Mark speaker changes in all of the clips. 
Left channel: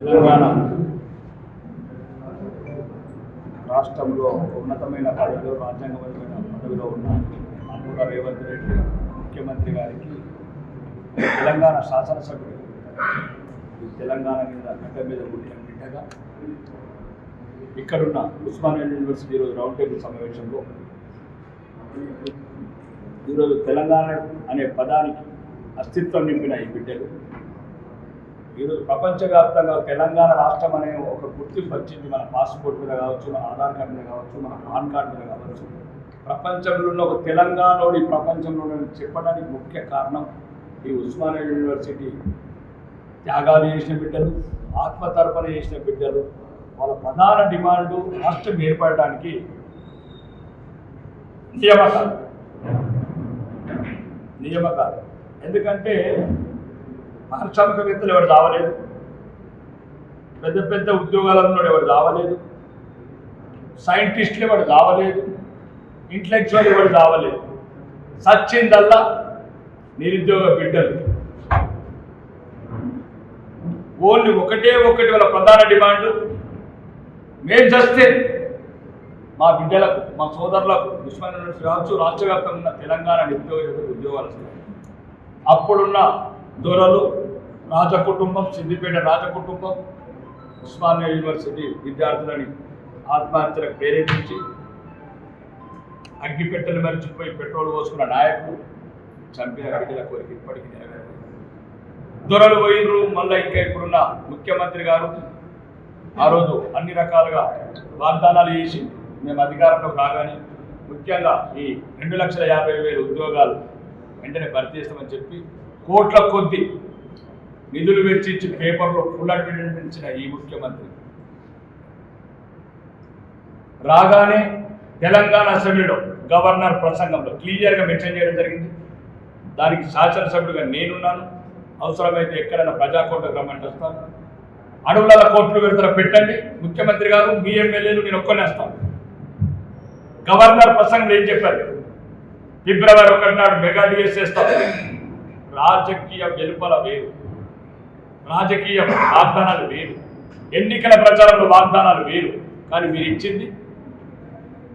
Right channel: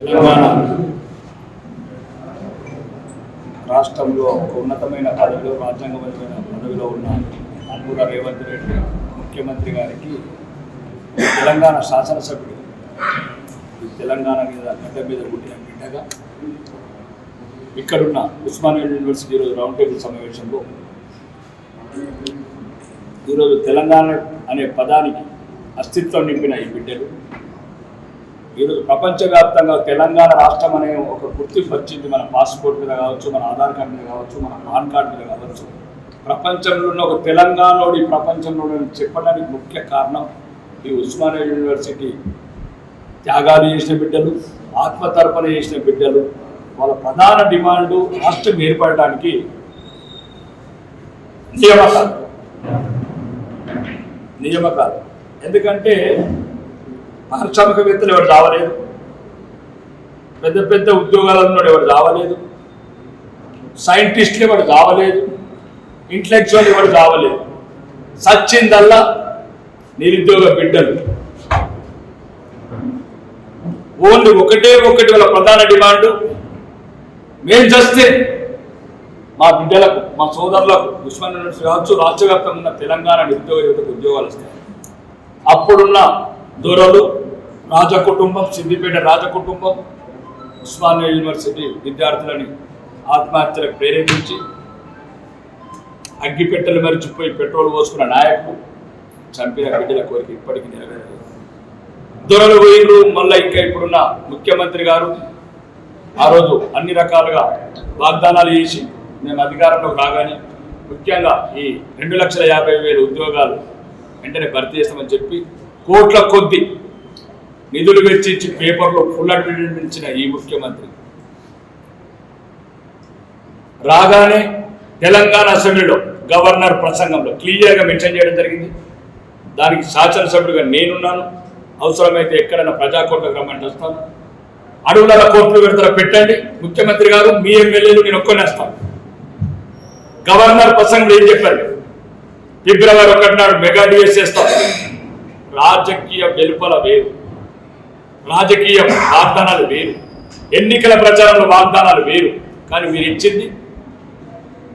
Speaker 1: తెలంగాణ రాష్ట్రంలో ఒక ఉన్నతమైన పదవిలో రాజ్యాంగమైన పదవిలో ఉన్న అనుకూల రేవంత్ రెడ్డి ముఖ్యమంత్రి గారికి తెలంగాణ శాసనసభ్యుడు తెలంగాణ మీద గడ్డ మీద పుట్టిన బిడ్డగా ఇక్కడున్న ఉస్మానియా యూనివర్సిటీ ఈరోజు రౌండ్ టేబుల్ సమావేశంలో ఈరోజు తెలంగాణ అనే పదానికి అస్తిత్వం నింపిన ఈ బిడ్డలు. ఈరోజు ప్రపంచవ్యాప్తంగా తెలంగాణ రాష్ట్రం అనే ఒక గుర్తింపు వచ్చింది. మన పాస్పోర్ట్ మీద కావచ్చు మన ఆధార్ కార్డు మీద కావచ్చు మన పాన్ కార్డు మీద కావచ్చు. ప్రపంచంలో ఉన్న ఒక తెలంగాణలోని ఈ ప్రపంచంలో చెప్పడానికి ముఖ్య కారణం ఈ ఉస్మానియా యూనివర్సిటీ. త్యాగాలు చేసిన బిడ్డలు ఆత్మతర్పణ చేసిన బిడ్డలు వాళ్ళ ప్రధాన డిమాండ్ రాష్ట్రం ఏర్పడటానికి నియమకాలు. నియమకాలు. ఎందుకంటే పారిశ్రామికవేత్తలు ఎవరు రావలేదు. పెద్ద పెద్ద ఉద్యోగాలు ఎవరు రావలేదు. సైంటిస్టులు ఎవరు రావలేదు. ఇంటలెక్చువల్ ఎవరు రావలేదు. సచ్చిందల్లా నిరుద్యోగ బిడ్డలు. ఓన్లీ ఒకటే ఒకటి వాళ్ళ ప్రధాన డిమాండ్. మేము చస్తే మా బిడ్డలకు మా సోదరులకు దుష్మన్ కావచ్చు రాష్ట్రవ్యాప్తంగా ఉన్న తెలంగాణ నిరుద్యోగ యువతకు ఉద్యోగాలు వస్తాయి. అప్పుడున్న దొరలు రాజ కుటుంబం సిద్దిపేట రాజ కుటుంబం ఉస్మానియా యూనివర్సిటీ విద్యార్థులని ఆత్మహత్యలకు ప్రేరేపించి అగ్గిపెట్టెలు మరిచిపోయి పెట్రోల్ పోసుకున్న నాయకుడు చంపిన బిడ్డల కోరిక ఇప్పటికీ నెరవేరలేదు. దొరలు పోయిర్రు మళ్ళీ ఇంకా ఇప్పుడున్న ముఖ్యమంత్రి గారు. ఆ రోజు అన్ని రకాలుగా వాగ్దానాలు చేసి మేము అధికారంలోకి రాగానే ముఖ్యంగా ఈ రెండు లక్షల యాభై వేల ఉద్యోగాలు వెంటనే భర్తీ చేస్తామని చెప్పి కోట్ల కొద్ది నిధులు వెచ్చించి పేపర్లో ఫుల్ అడ్వర్టైజ్మెంట్ ఇచ్చిన ఈ ముఖ్యమంత్రి. రాగానే తెలంగాణ అసెంబ్లీలో గవర్నర్ ప్రసంగంలో క్లియర్గా మెన్షన్ చేయడం జరిగింది. దానికి శాసనసభ్యుడిగా నేనున్నాను. అవసరమైతే ఎక్కడైనా ప్రజాకోట్లకు రమ్మంటే వస్తాను. అడుగుల కోట్లు విడతలు పెట్టండి. ముఖ్యమంత్రి గారు మీ ఎమ్మెల్యేలు నేను ఒక్కనేస్తాను గవర్నర్ ప్రసంగంలో ఏం చెప్పారు? ఫిబ్రవరి ఒకటి నాడు మెగా డిఎస్ చేస్తాను రాజకీయ వెలుపల వేరు. రాజకీయ వాగ్దానాలు వేరు. ఎన్నికల ప్రచారంలో వాగ్దానాలు వేరు. కానీ మీరు ఇచ్చింది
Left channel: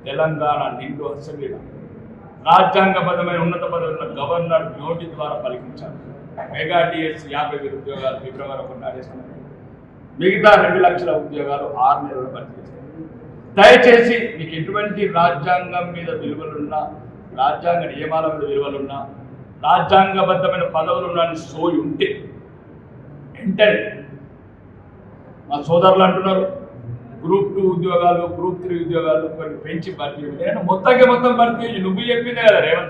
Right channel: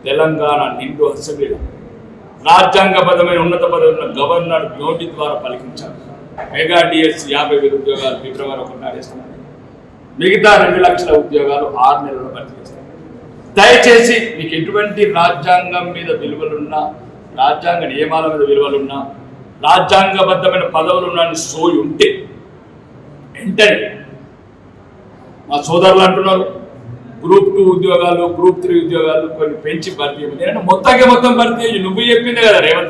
Speaker 1: తెలంగాణ నిండు అసెంబ్లీలో. రాజ్యాంగబద్ధమైన ఉన్నత పదవి ఉన్న గవర్నర్ నోటి ద్వారా పలికించారు. మెగా డిఎస్ యాభై వేల ఉద్యోగాలు ఫిబ్రవరి ఒకటి నాడేస్తున్నారు మిగతా రెండు లక్షల ఉద్యోగాలు ఆరు నెలలు భర్తీ చేస్తారు దయచేసి మీకు ఎటువంటి రాజ్యాంగం మీద విలువలున్నా రాజ్యాంగ నియమాల మీద విలువలున్నా రాజ్యాంగబద్ధమైన పదవులు నన్ను సోయి ఉంటే వెంటనే మా సోదరులు అంటున్నారు గ్రూప్ టూ ఉద్యోగాలు గ్రూప్ త్రీ ఉద్యోగాలు కొన్ని పెంచి భర్తీ చేయండి. మొత్తంగా మొత్తం భర్తీ చేయి నువ్వు చెప్పిందే కదా రేవంత్